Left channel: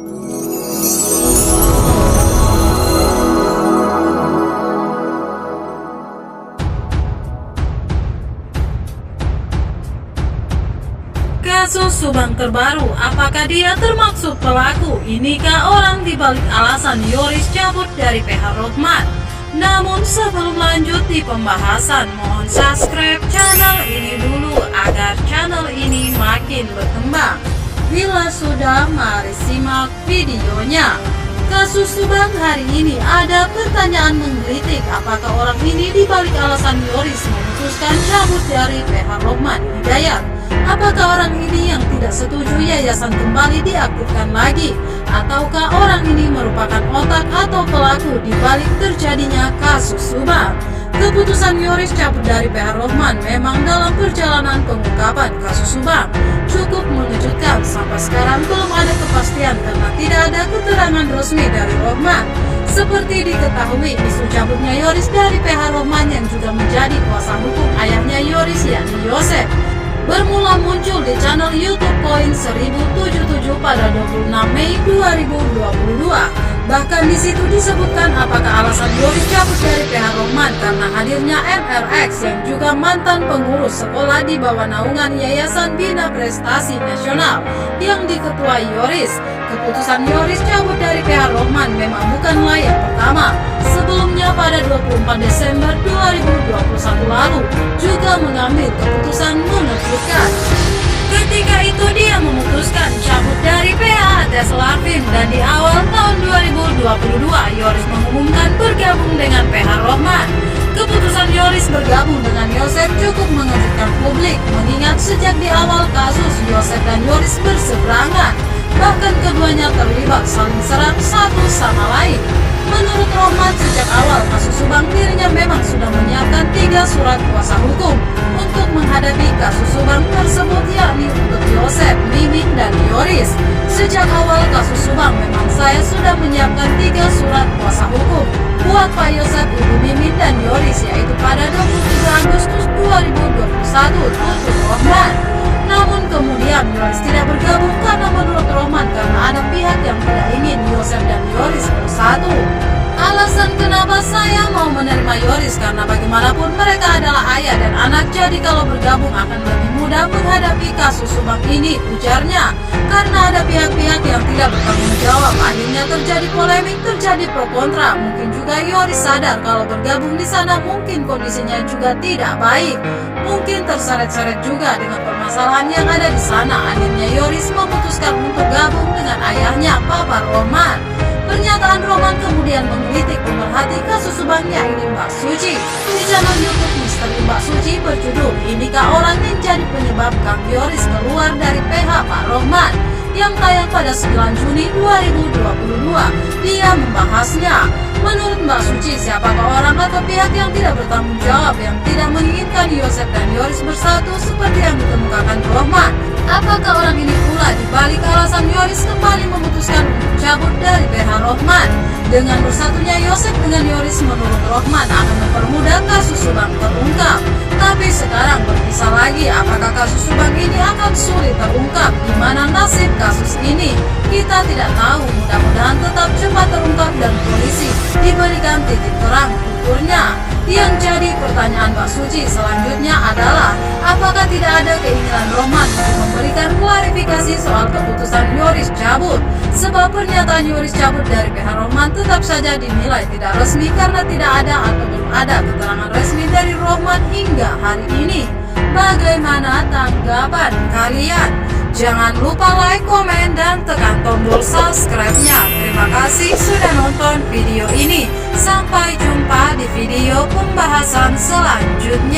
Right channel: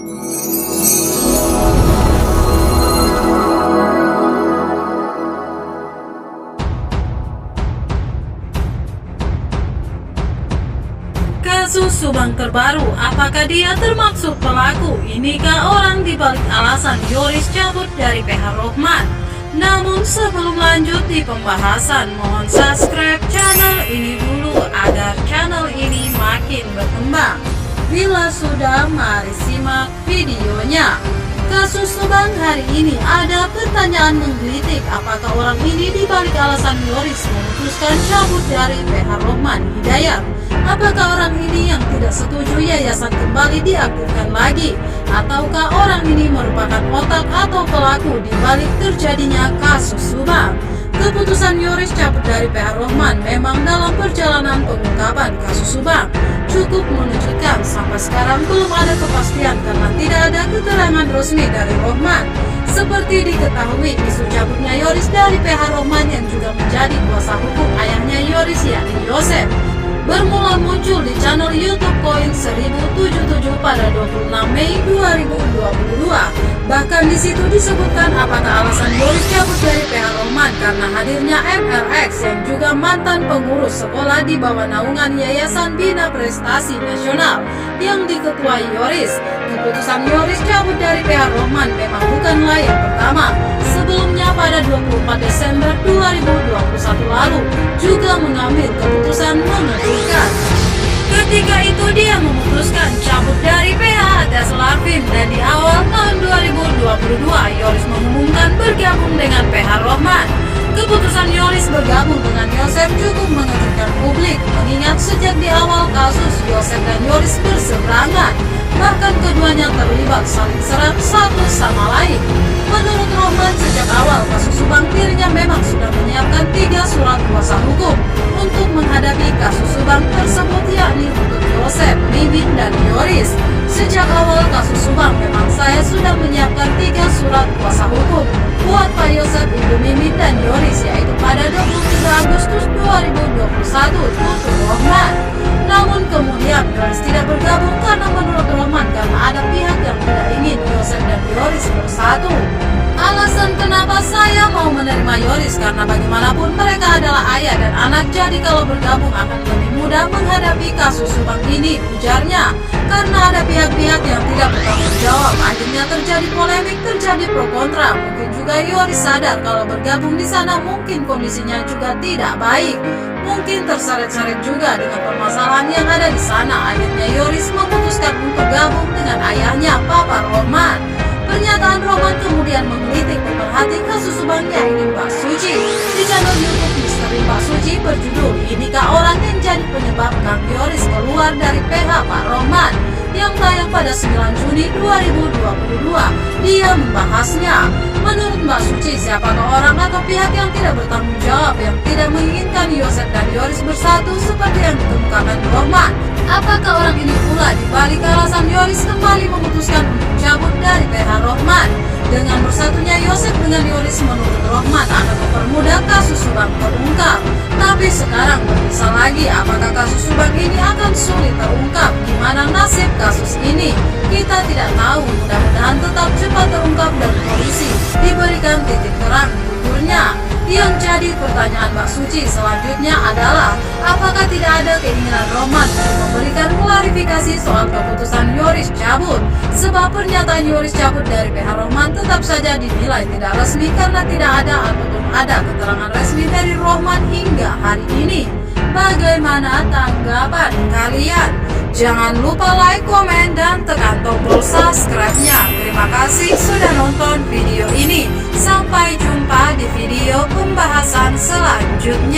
Kasus Subang terbaru, apakah dia termasuk pelaku? Inikah orang dibalik alasan Yoris cabut dari PH Rohman? Namun sebelum lanjut di pembahasan, mohon subscribe channel ini dulu agar channel ini makin berkembang. Bila sudah, mari simak videonya. Kasus Subang hari ini ada pertanyaan menggelitik, apakah orang ini dibalik alasan Yoris memutuskan cabut dari PH Rohman Hidayat? Apakah orang ini yang tidak setuju yayasan kembali diaktifkan lagi? Ataukah orang ini merupakan otak atau pelaku di balik terjadinya kasus Subang? Keputusan Yoris cabut dari PH Rohman memang dalam perjalanan pengungkapan kasus Subang cukup mengejutkan. Sampai sekarang belum ada kepastian karena tidak ada keterangan resmi dari Rohman. Seperti diketahui, isu cabutnya Yoris dari PH Rohman yang juga menjadi kuasa hukum ayahnya Yoris yakni Yosef bermula muncul di channel YouTube Koin 1077 pada 26 Mei 2022. Bahkan di situ disebutkan apakah alasan Yoris cabut dari PH Rohman karena hadirnya MRX yang juga mantan pengurus sekolah di bawah naungan Yayasan Bina Prestasi Nasional yang diketuai Yoris. Keputusan Yoris cabut dari PH Rohman memang bukanlah yang pertama. Sebelumnya pada 24 Desember 2021 lalu juga mengambil keputusan mengejutkan. Ketika itu dia memutuskan cabut dari PH atas Larvin dan di awal tahun 2022 Yoris mengumumkan bergabung dengan PH Rohman. Keputusan Yoris bergabung dengan Yosef cukup mengejutkan publik mengingat sejak di awal kasus Yosef dan Yoris berseberangan. Bahkan keduanya terlibat saling serang satu sama lain. Menurut Rohman, sejak awal kasus Subang dirinya memang sudah menyiapkan 3 surat kuasa hukum untuk menghadapi kasus Subang tersebut, yakni untuk Yosef, Mimin, dan Yoris. Sejak awal kasus Subang memang saya sudah menyiapkan 3 surat kuasa hukum buat Pak Yosef, Ibu Mimin, dan Yoris, yaitu pada 23 Agustus 2021, tutur Rohman. Namun kemudian Yoris tidak bergabung karena menurut Rohman karena ada pihak yang tidak ingin Yosef dan Yoris bersatu. Alasan kenapa saya mau menerima Yoris karena bagaimanapun mereka adalah ayah dan anak, jadi kalau bergabung akan lebih mudah menghadapi kasus Subang ini, ujarnya. Karena ada pihak-pihak yang tidak bertanggung jawab, akhirnya terjadi polemik, terjadi pro kontra. Mungkin juga Yoris sadar kalau bergabung di sana mungkin kondisinya juga tidak baik. Mungkin terseret-seret juga dengan permasalahan yang ada di sana. Akhirnya Yoris memutuskan untuk gabung dengan ayahnya, Papa Rohman. Pernyataan Rohman kemudian menggelitik pemerhati kasus Subang yakni Mbak Suci. Di channel YouTube Misteri Mbak Suci berjudul "Inikah orang yang jadi penyebab Kang Yoris keluar dari PH Pak Rohman?" yang tayang pada 9 Juni 2022. Dia membahasnya. Menurut Mbak Suci, siapakah orang atau pihak yang tidak bertanggung jawab yang tidak menginginkan Yosef dan Yoris bersatu seperti yang dikemukakan Rohman? Apakah orang ini pula dibalik alasan Yoris kembali memutuskan untuk cabut dari PH Rohman? Dengan bersatunya Yosef dengan Yoris menurut Rohman akan mempermudah kasus Subang terungkap. Tapi sekarang berpisah lagi, apakah kasus Subang ini akan sulit terungkap? Gimana nasib kasus ini? Kita tidak tahu, mudah-mudahan tetap cepat terungkap dan polisi diberikan titik terang, tuturnya. Yang jadi pertanyaan Mbak Suci selanjutnya adalah, apakah tidak ada keinginan Rohman untuk memberikan klarifikasi soal keputusan Yoris cabut? Sebab pernyataan Yoris cabut dari PH Rohman tetap saja dinilai tidak resmi karena tidak ada ataupun ada keterangan resmi dari Rohman hingga hari ini. Bagaimana tanggapan kalian? Jangan lupa like, komen, dan tekan tombol subscribe-nya. Terima kasih sudah nonton video ini. Sampai jumpa di video pembahasan selanjutnya.